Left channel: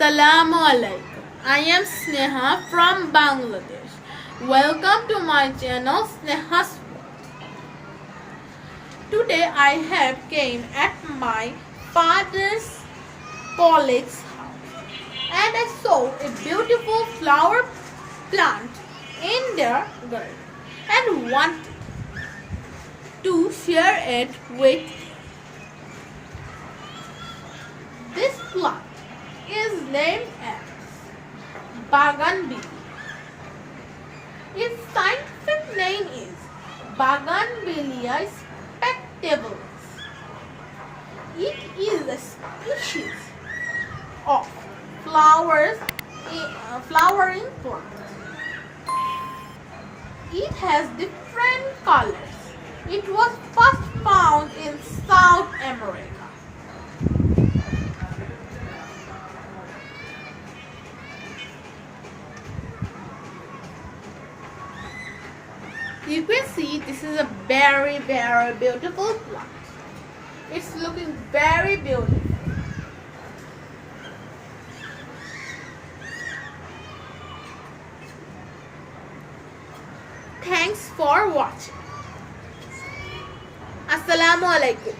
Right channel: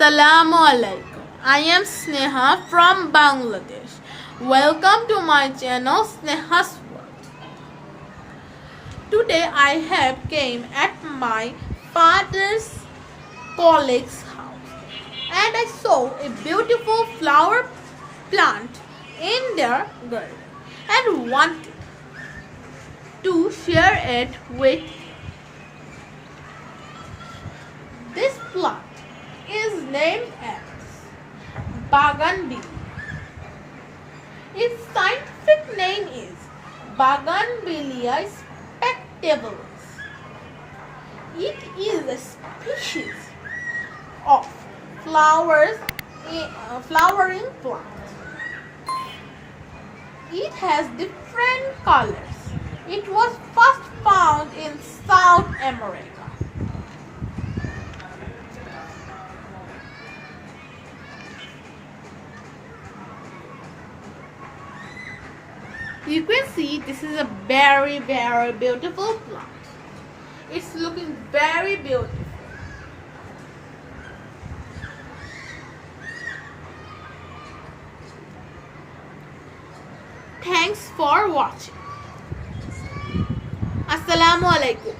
Assalamu alaikum. I am Sneha from Bangladesh. Welcome to my channel Sneha's World. Today I have came at my father's colleague's house and I saw a beautiful flower plant in their garden and wanted to share it with you. This plant is named as Bougainvillea. Its scientific name is Bougainvillea spectacles. It is a species of flowering plant. It has different colors. It was first found in South America. You can see this is a very beautiful plant. It's looking very beautiful. Thanks for watching. Assalamu alaikum.